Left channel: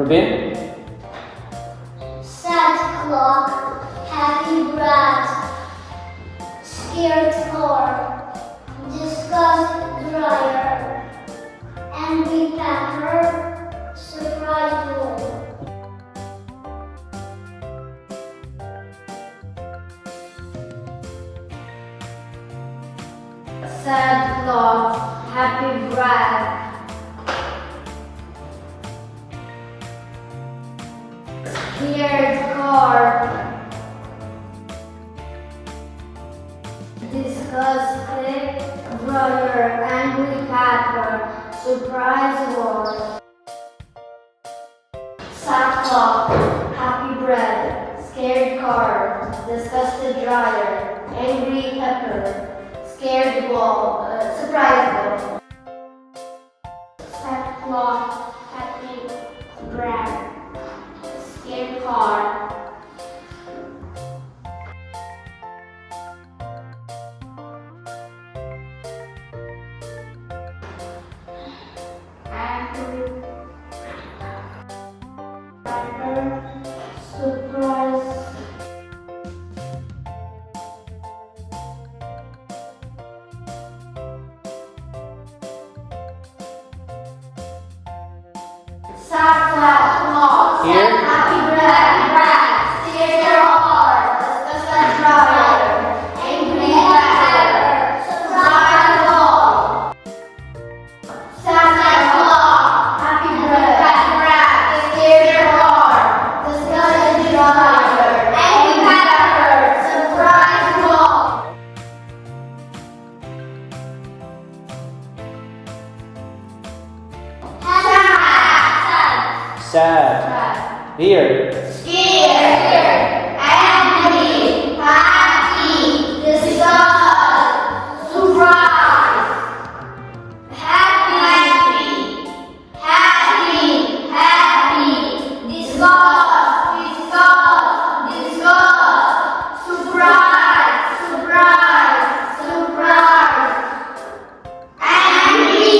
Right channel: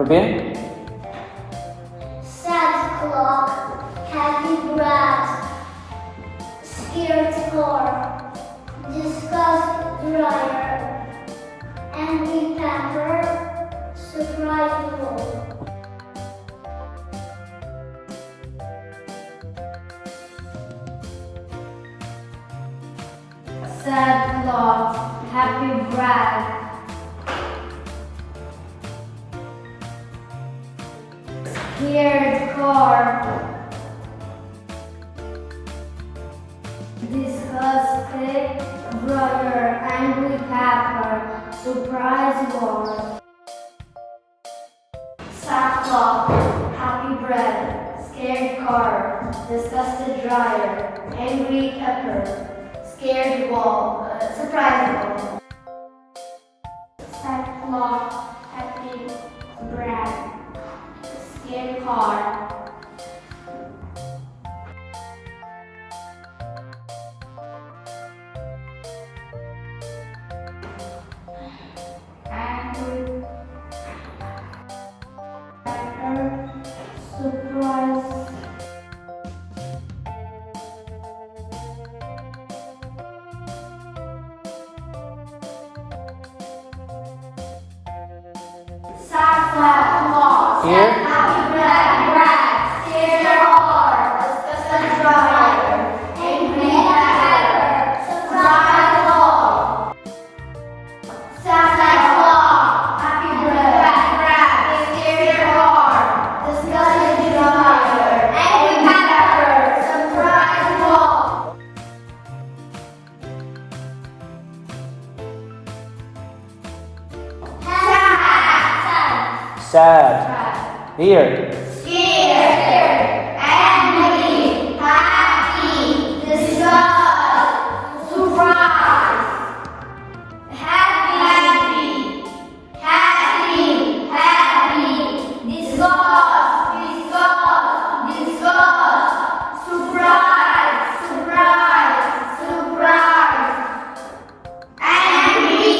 Rubin? Sad clock, happy brat, scared car, disgust dryer, angry pepper, surprise wall. Sad clock, happy brat, scared car, disgusted brother, angry pepper, surprise war. Sad clock, happy bread, scared car, disgusted dryer, angry pepper, scared wall, surprise wall. Sad clock, happy bread, scared car. Angry pepper, surprise. Sad clock, Here? happy bread, scared car, disgusted dryer, angry pepper, surprise wall. Sad clock, happy bread, scared car, disgusted dryer, angry pepper, surprise wall. Sad. Here. Scared, angry, happy, disgust, surprise. Happy, happy, happy, disgust, surprise, surprise. Angry,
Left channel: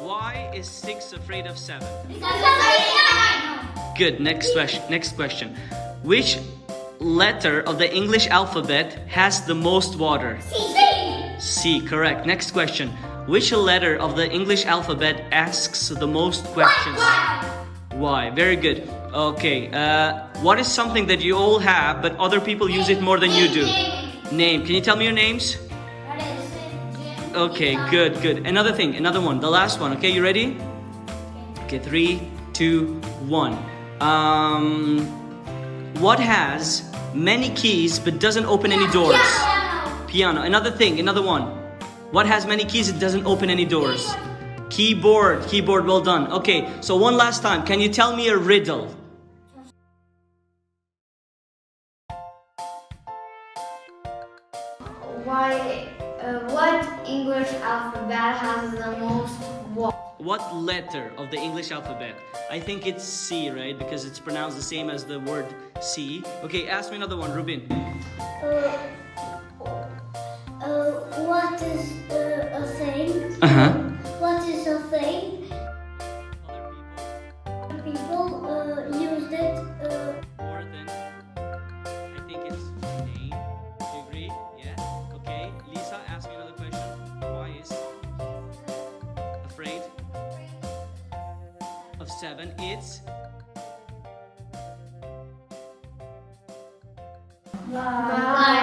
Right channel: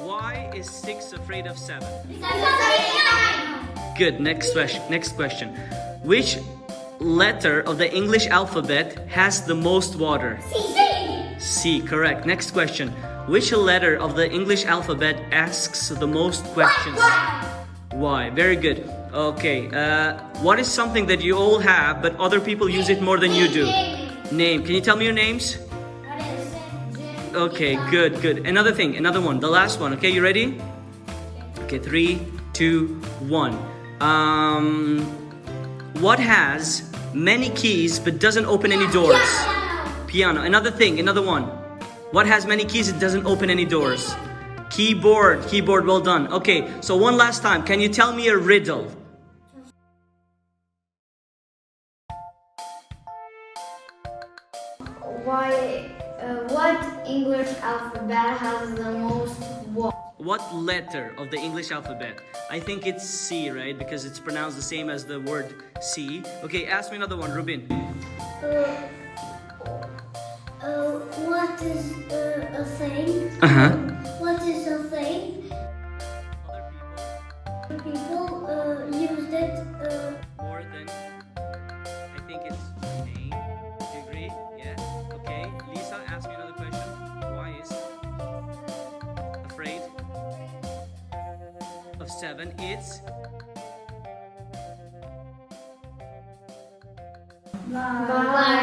Why is 6 afraid of 7? Good. Next question. Which letter of the English alphabet has the most water? C. Correct. Next question. Which letter of the English alphabet asks the most questions? Y. Very good. Okay. What is something that you all have but other people use it more than you do? Name. Can you tell me your names? Okay, good. Another one. The last one. Okay, you ready? Okay, 3, 2, 1. What has many keys but doesn't open any doors? Piano. Another one. What has many keys and doesn't open any doors? Keyboard. Well done. Okay, so one last time. Can you tell me a riddle? What English alphabet has the most vowels? What letter of the English alphabet? I think it's C, right? Because it's pronounced the same as the word C. Okay, ask me another one, Rubin. What is a thing? Uh-huh. What is a thing? People use it. More than, I think it's name. Do you agree? Yeah? Okay. Lisa, ask me another question. Why is afraid of 7? It's Bye.